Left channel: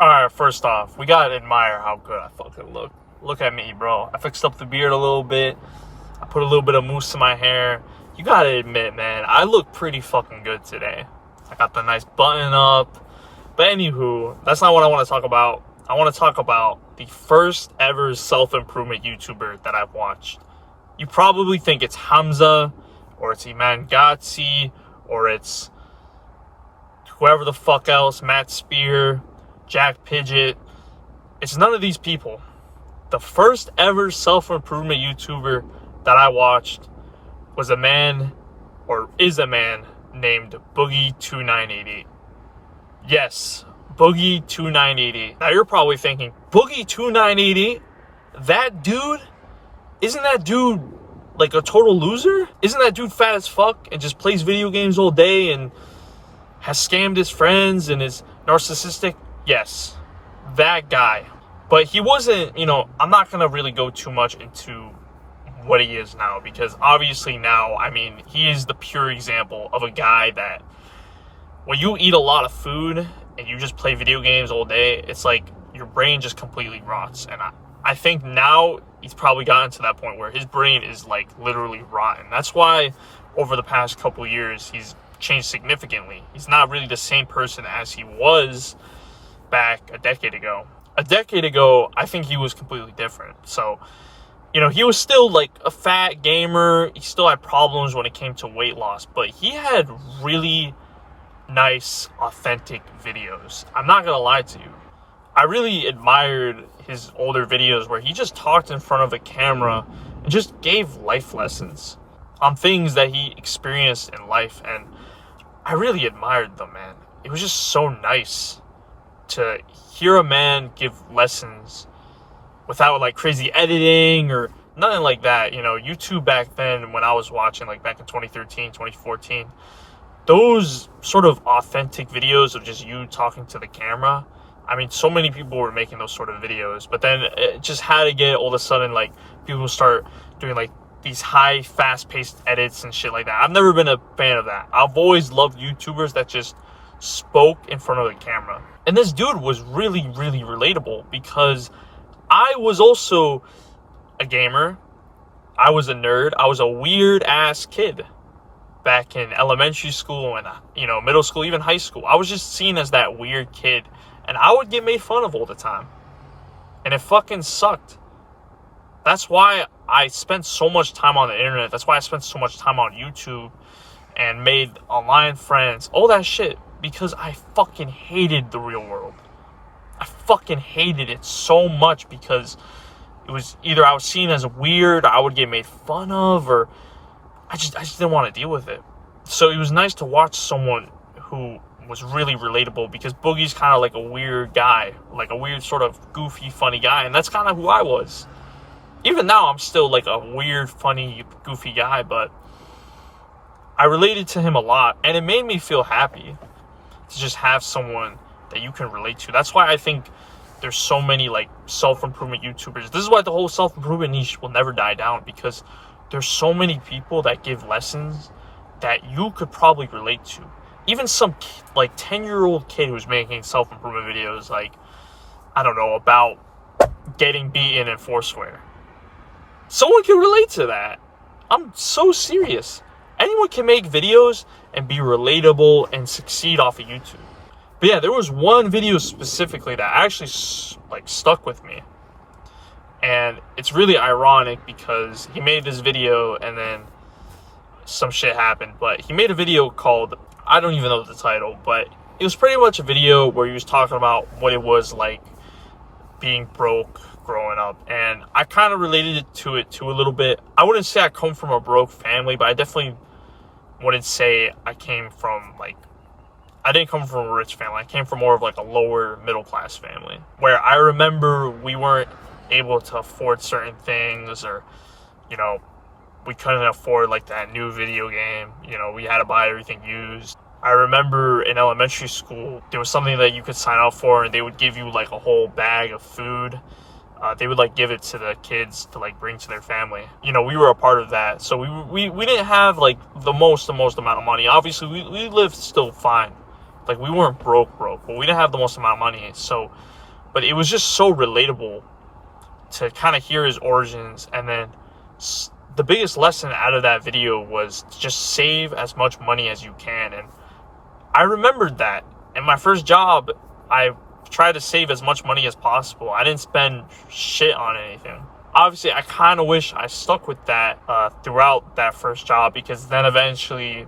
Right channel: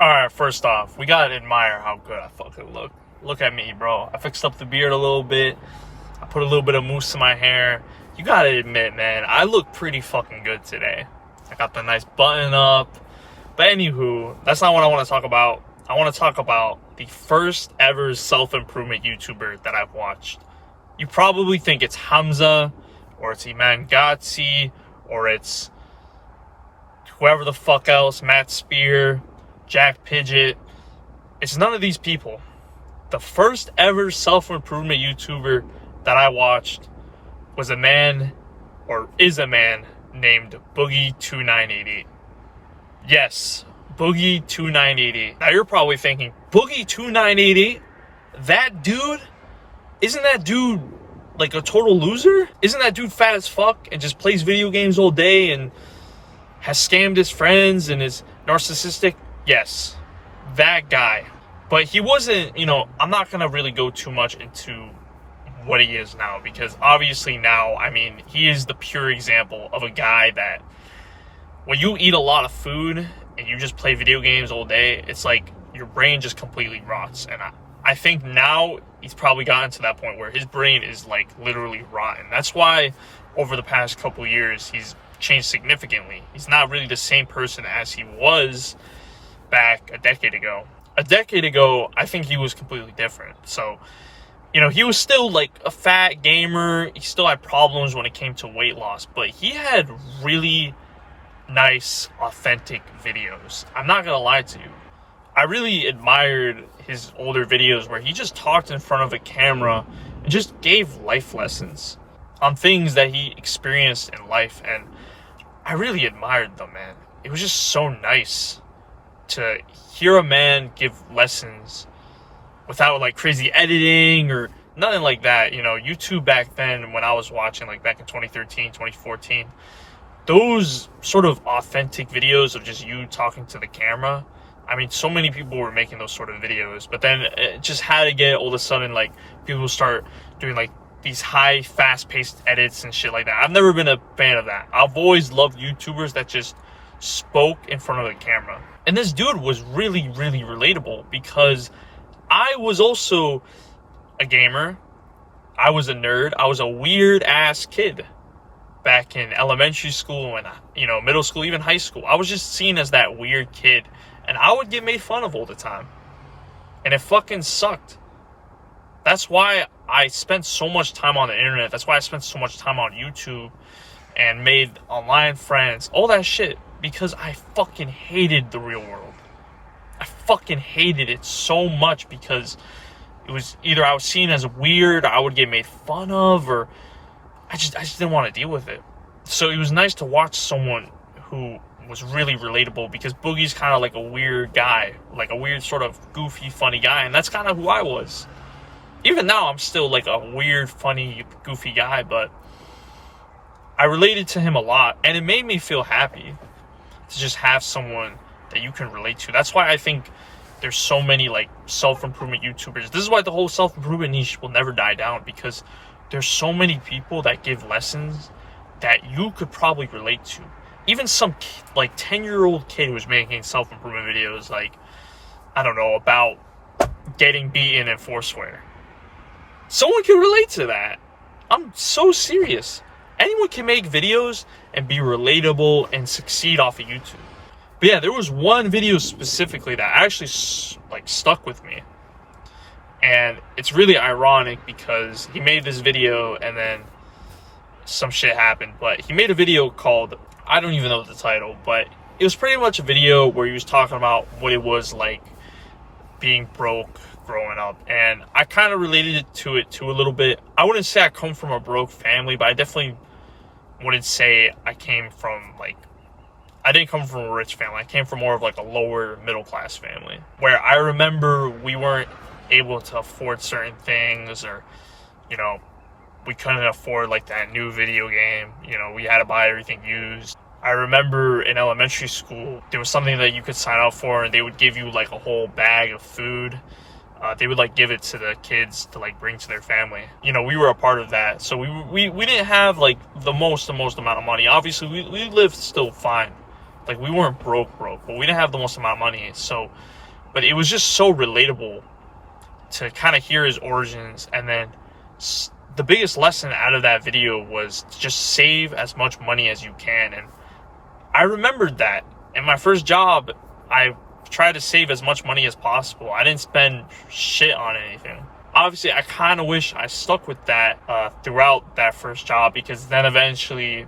Alright, first off, we gotta admire how good I fucking look. Look at me, bro. I fixed up the beard a little bit. I put a little bit of mousse in my hair. You gotta admit, man, I look pretty fucking good today. I got the nice button up. But anywho, that's not what I want to talk about. I want to talk about the first ever self-improvement YouTuber that I've watched. You probably think it's Hamza, or it's Iman Ghatzi, or it's whoever the fuck else, Matt Spear, Jack Pidgeot. It's none of these people. The first ever self-improvement YouTuber that I watched was a man, or is a man, named Boogie2988. Yes, Boogie2988. Now you're probably thinking, Boogie2988? That dude? Isn't that dude like a total loser? Isn't that dude fat as fuck and just plays video games all day and has scammed his friends and is narcissistic? Yes, that guy. But he wasn't, I'm not going to really go too much into what he is now, because obviously now, he is the pure example of a guy that when you eat a lot of food and you just play video games all day, it's like your brain just completely rots. And I think now he's probably gotten to that point where his brain is like literally rotten. That's why over the past couple years, he's changed significantly. He's not really the same person as he was back a decade ago. A decade ago, I think he was completely different. So, he was still like a fat gamer. He still had problems when it came to weight loss, but he had really nice, authentic videos. I'm not gonna lie to you. I really admired his older videos where he just talked in front of a camera and just gave life lessons on things that he experienced in life. And I really admired them, man. It was just so nice to hear a man give lessons without like crazy editing or nothing like that. YouTube back then, when I was watching, like back in 2013, 2014, those sort of authentic videos of just you talking to the camera, so many people were making those sort of videos, but then it just had to get all of a sudden, like, people start doing like these high, fast-paced edits and shit like that. I've never been a fan of that. I've always loved YouTubers that just spoke in front of the camera. And this dude was really, really relatable, because I was also a gamer. I was a nerd. I was a weird-ass kid back in elementary school and, middle school, even high school. I was just seen as that weird kid, and I would get made fun of all the time. And it fucking sucked. That's why I spent so much time on the internet. That's why I spent so much time on YouTube and made online friends, all that shit, because I fucking hated the real world. I fucking hated it so much, because it was either I was seen as weird, I would get made fun of, or I just didn't want to deal with it. So it was nice to watch someone who was really relatable, because Boogie's kind of like a weird guy, like a weird sort of goofy, funny guy, and that's kind of who I was. Even now, I'm still like a weird, funny, goofy guy, but I related to him a lot, and it made me feel happy to just have someone that you can relate to. That's why I think there's so many like self-improvement YouTubers. This is why the whole self-improvement niche will never die down, because there's so many people that give lessons that you could probably relate to. Even some like 10-year-old kid who's making self-improvement videos, like, I don't know, about getting beaten in Foursquare. Someone can relate to that. I'm so serious. Anyone can make videos and be relatable and succeed off of YouTube. But yeah, there was one video specifically that actually like stuck with me. And it's really ironic, because he made this video and then some shit happened. But he made a video called, I don't even know the title, but it was pretty much a video where he was talking about what it was like being broke growing up. And I kind of related to it too a little bit. I wouldn't say I come from a broke family, but I definitely wouldn't say I didn't come from a rich family. I came from more of like a lower middle class family, where I remember we weren't able to afford certain things, or, we couldn't afford like that new video game. We had to buy everything used. I remember in elementary school, there was something that you could sign up for, and they would give you like a whole bag of food. They would like give it to the kids to like bring to their family. We were a part of that. So we didn't have like the most amount of money. Obviously we lived still fine, Like, we weren't broke, but we didn't have the most amount of money. So, but it was just so relatable to kind of hear his origins. And then the biggest lesson out of that video was just save as much money as you can. And I remembered that in my first job, I tried to save as much money as possible. I didn't spend shit on anything. Obviously, I kind of wish I stuck with that throughout that first job, because then eventually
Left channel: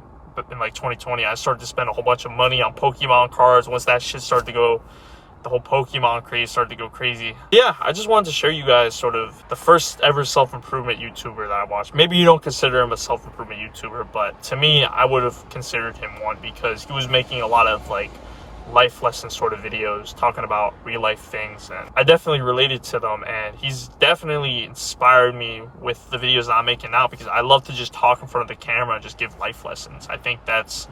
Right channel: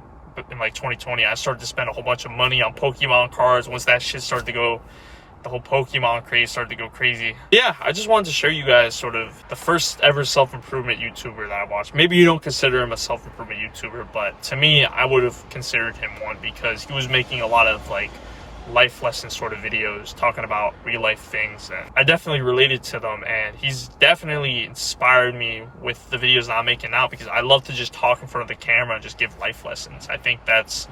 in like 2020, I started to spend a whole bunch of money on Pokemon cards. Once that shit started to go, the whole Pokemon craze started to go crazy. Yeah, I just wanted to show you guys sort of the first ever self-improvement YouTuber that I watched. Maybe you don't consider him a self-improvement YouTuber, but to me, I would have considered him one, because he was making a lot of like life lesson sort of videos talking about real life things, and I definitely related to them, and he's definitely inspired me with the videos that I'm making now, because I love to just talk in front of the camera and just give life lessons. I think that's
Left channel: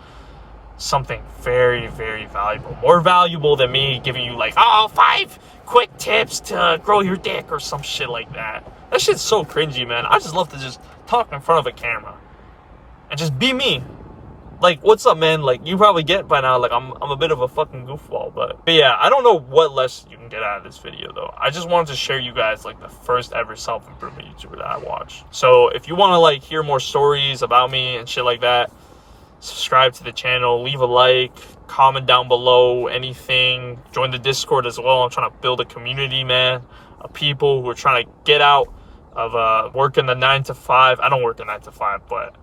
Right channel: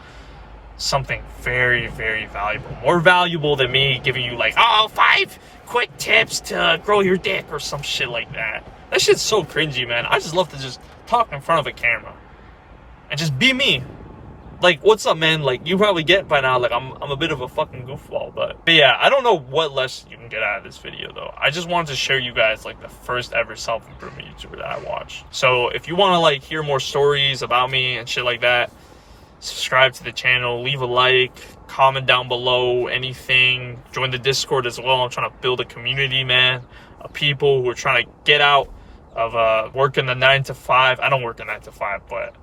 something very, very valuable, more valuable than me giving you like 5 quick tips to grow your dick or some shit like that. That shit's so cringy, man. I just love to just talk in front of a camera and just be me. Like, what's up, man? Like, you probably get by now, like, I'm a bit of a fucking goofball, but yeah, I don't know what lesson you can get out of this video, though. I just wanted to share you guys, like, the first ever self-improvement YouTuber that I watched. So if you want to, like, hear more stories about me and shit like that, subscribe to the channel, leave a like, comment down below, anything. Join the Discord as well. I'm trying to build a community, man, of people who are trying to get out of working the 9 to 5. I don't work the 9 to 5, but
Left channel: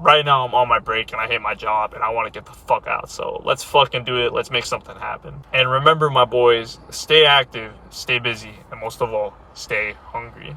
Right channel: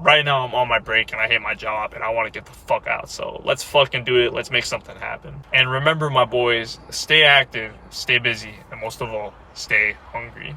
right now I'm on my break and I hate my job and I want to get the fuck out. So let's fucking do it. Let's make something happen. And remember, my boys, stay active, stay busy, and most of all, stay hungry.